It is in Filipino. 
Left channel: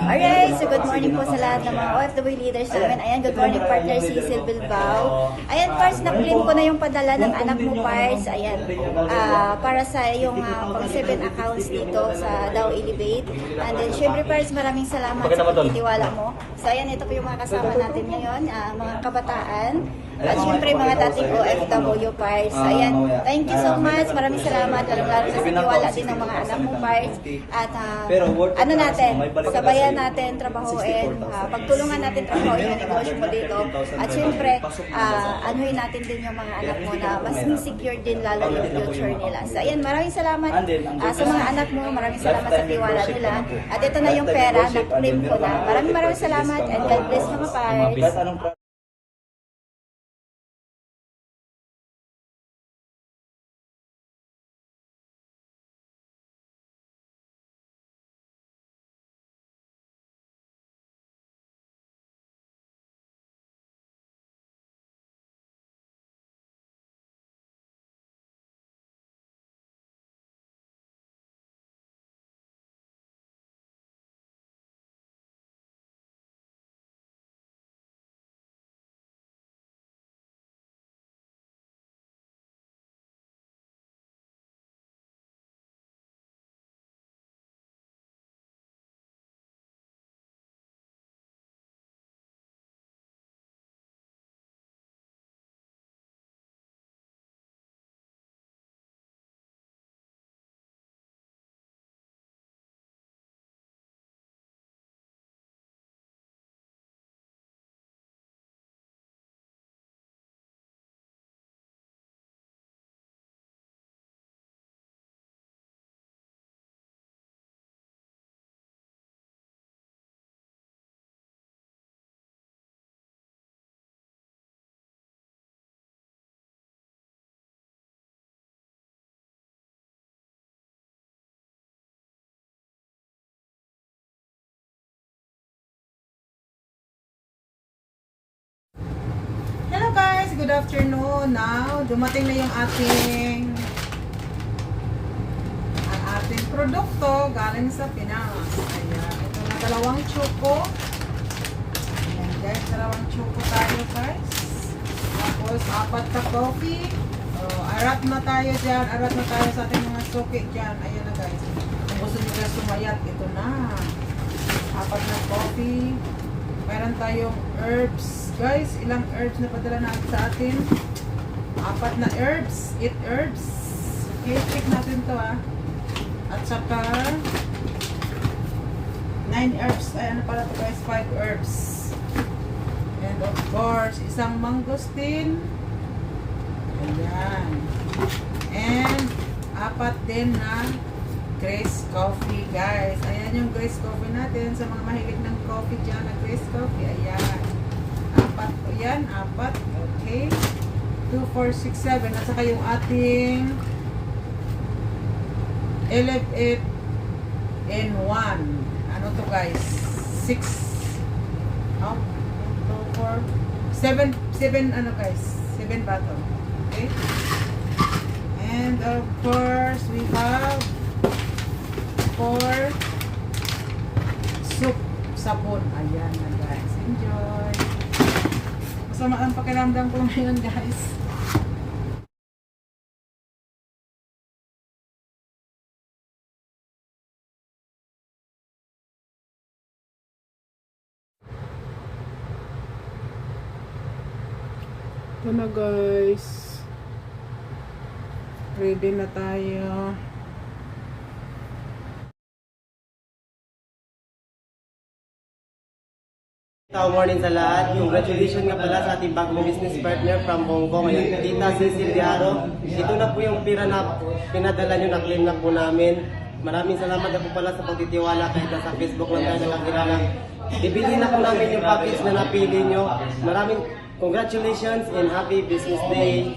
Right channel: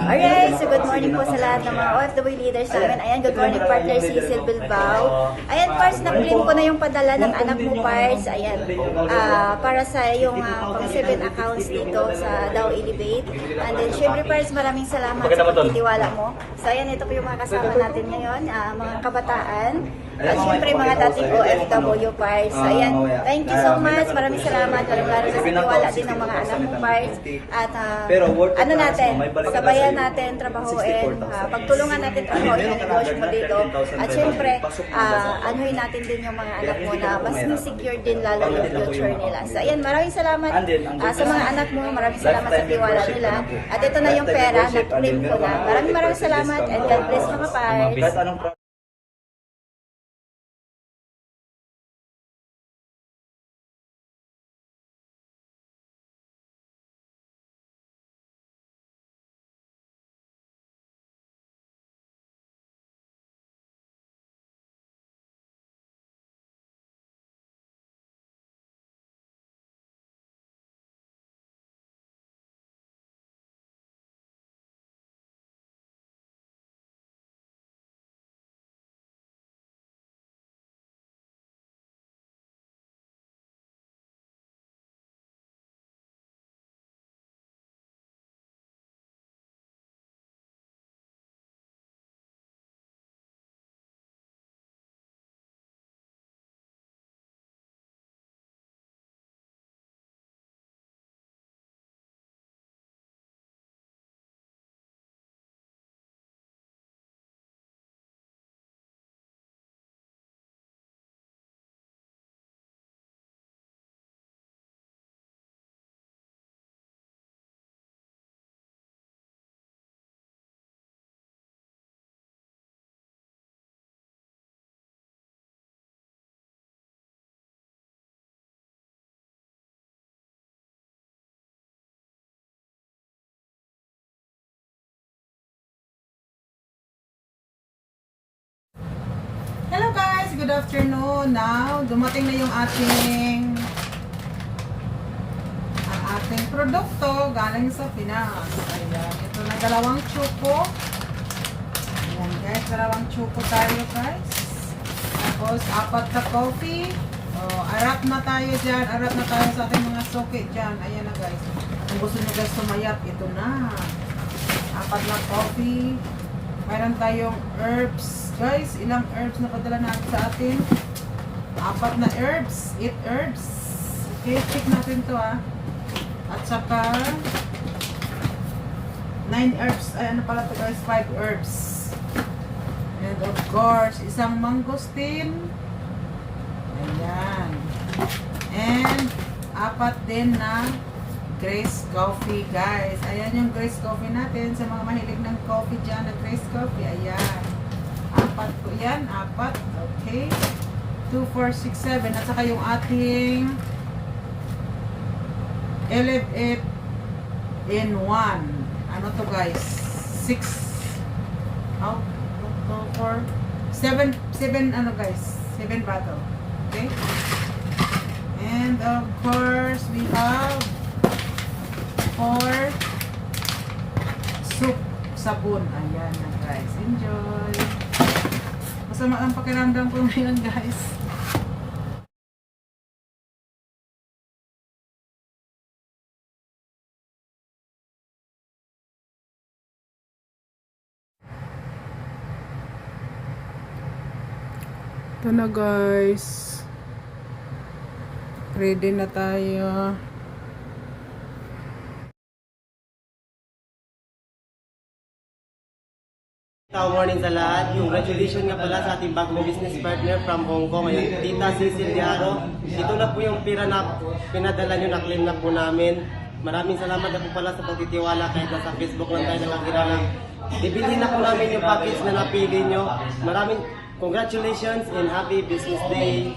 Ayan, so good morning po sa lahat ng mga OFW leaders namin. Ayan, good morning partner si Giselle Bilbao. Ayan, Pars, na-print ko na yung padala ng anak mo, Pars. Ayan, para sa yung pang-7 accounts dito sa Dow Elevate. And then, syempre, Pars, maraming salamat sa pagtitiwala mo. So, ayan, ito po yung mga kasama natin ngayon, mga kabataan. At syempre, mga dating OFW, Pars. So, ayan, thank you so much. Maraming salamat. Lalo-lalo sa tiwala din ng mga anak mo, Pars. At ano natin, sabayan natin trabahoin, pagtulungan natin trabahoin yung negosyo mo dito. At syempre, anuin natin din yung mga anak mo na mas secure din lalo yung future nila. So ayan, maraming salamat sa mga anak mo, maraming salamat sa tiwala nila. At ito na yung pera, nag-print ko na. Maraming salamat and God bless mga Pars. Hello guys, good afternoon. Now, dumating na yung ating produkto galing sa Pinas. Ayan, ito na dalawang choco. Ayan guys, dalawang choco tayo guys. Tapos, 4 na coffee. Arat na tayo dyan. Arat na tayo sa ating mga soke dyan. Ayan na guys. Kung gusto nyo guys sumayap, ito na. 4 na coffee. Mayroon tayong herbs. Guys, ilang herbs na padala natin sa atin? 4 na herbs. 8 herbs. Okay, check natin to At saka 9 herbs. Ay, ano pala to guys? 5 herbs. And of course, isang mangosteen. Ayan. And 4 din na Grace Coffee, guys. Ayan yung Grace Coffee natin. Sa mga mahilig ng coffee dyan na Grace Coffee. Ayan. 4 po yan. 4. Okay. 2, 4, 6, 7. At saka yung ating Elevate in 1. Ano to guys? 6. 7 ano guys? 7 bottle. Okay. And of course, we have 4 soup sabon. Ayan na guys. Enjoy. Masama ang pakiramdam ko ngayon guys. Ito na guys. Ready na tayo. Morning sa lahat. Congratulations nga pala sa ating bagong business partner from Hong Kong. Ayun, Tita Cecil Diaro. Ito na po yung pira na pinadala nyo, na-claim na po namin. Maraming salamat na po pala sa pagtitiwala kahit sa Facebook lang tayo nakakita lang. Ibili na po namin yung package na napili nyo. Maraming congratulations and happy business day.